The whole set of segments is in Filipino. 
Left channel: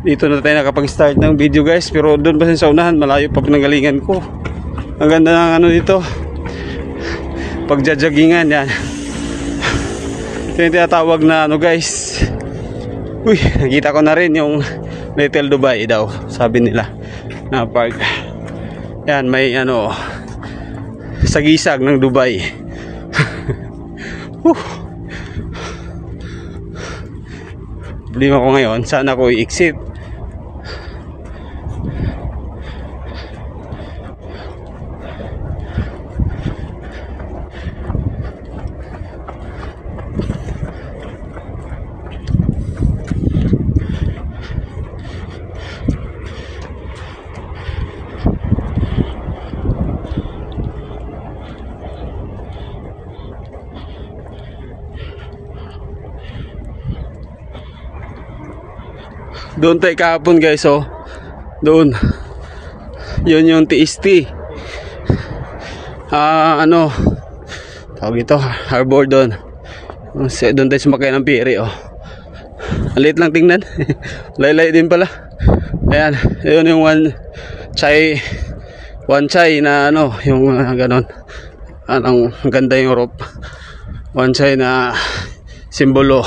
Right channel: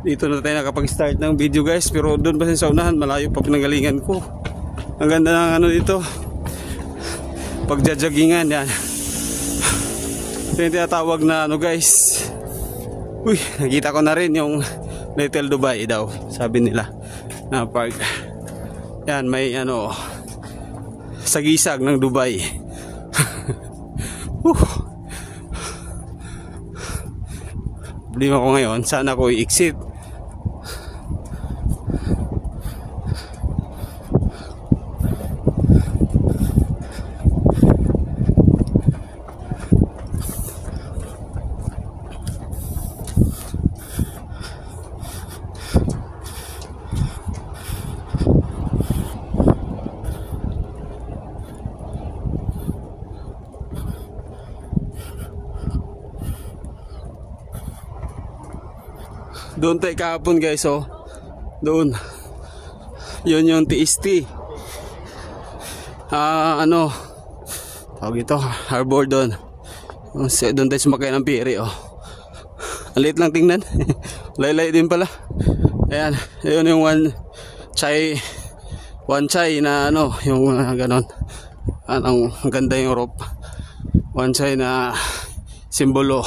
Dito na tayo nakapag-start ng video guys. Pero doon pa sa unahan, malayo pa pinanggalingan ko. Ang ganda ng ano dito, pagjajagingan yan. Ito yung tinatawag na ano guys. Uy, nakita ko na rin yung Little Dubai daw, sabi nila na park. Yan, may ano, sagisag ng Dubai. Problema ko ngayon, saan ako i-exit? Doon tayo kahapon guys, oh. Doon. Yun yung TST. Ano tawag ito, harbor doon. Doon tayo sumakay ng piri, oh. Ang liit lang tingnan. Laylay din pala. Ayan, yun yung one chai na ano, yung ganon. Ang ganda yung rope. One chai na simbolo.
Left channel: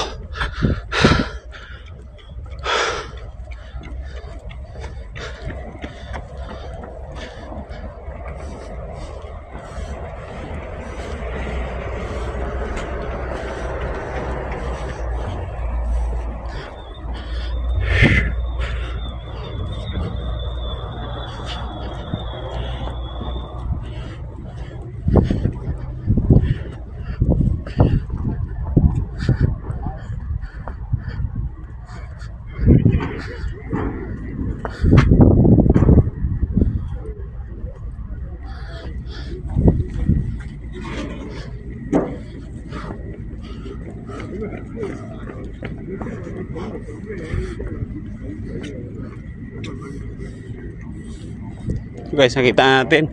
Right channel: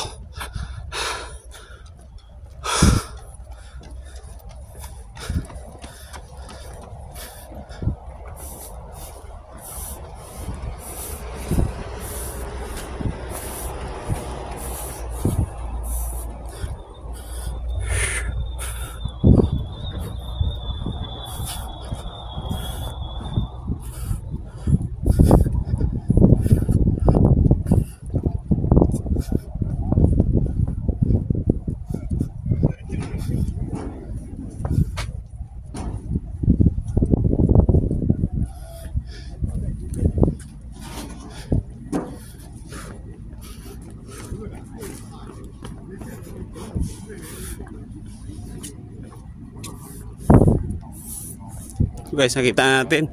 Guys, nakita natin.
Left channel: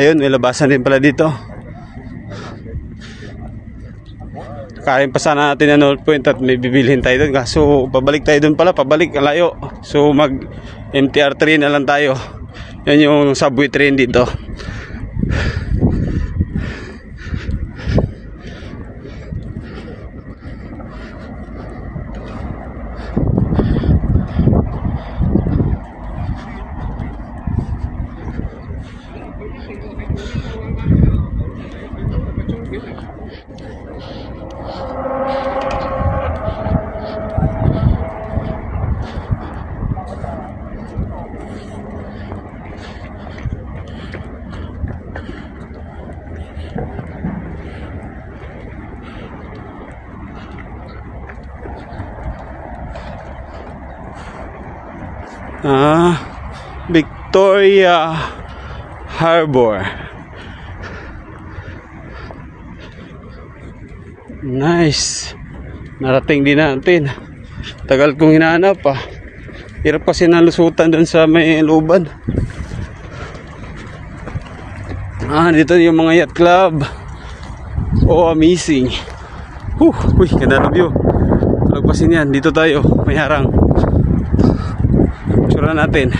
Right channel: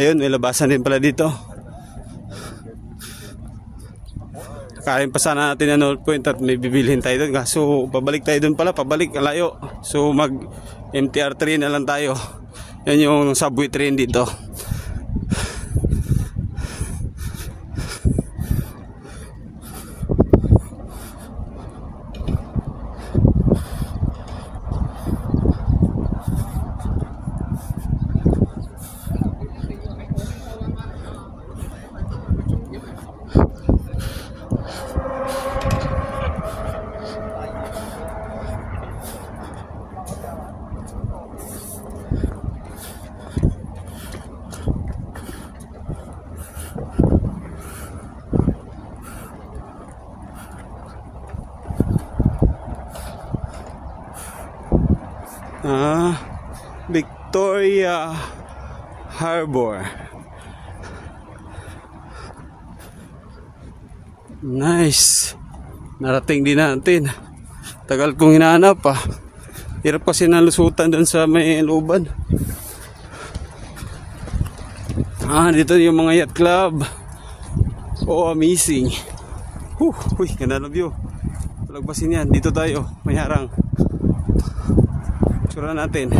Ayun, may labasan din pala dito. Kain pa sana natin ang North Point at may bibilhin tayo doon. So, pabalik tayo doon pala. Pabalik, layo. So, mag MTR train na lang tayo. Yan yung subway train dito. Victoria Harbor. Nice. Narating din natin. Tagal kong hinahanap pa. Hirap kasi nalusutan doon sa may looban. Dito yung mga yacht club. Oh, amazing. Uy, ganda na view. Lagpasin yan. Dito tayo. May harang. Tsura natin.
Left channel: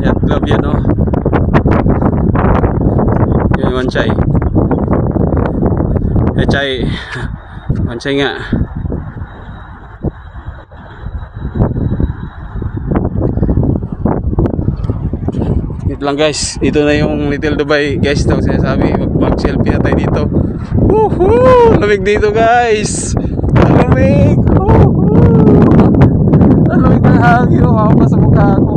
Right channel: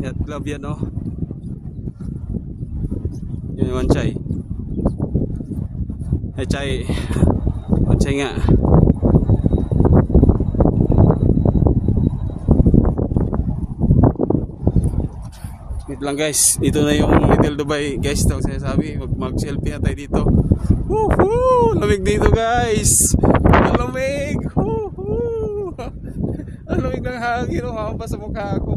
Yacht club yan, oh. Yun yung chai. Chai nga. Dito lang guys. Dito na yung Little Dubai guys. Ito sinasabi. Mag-selfie na tayo dito. Woohoo! Lamig dito guys. Lamig. Lamig ng hangin. Makakapa sa mukha ako.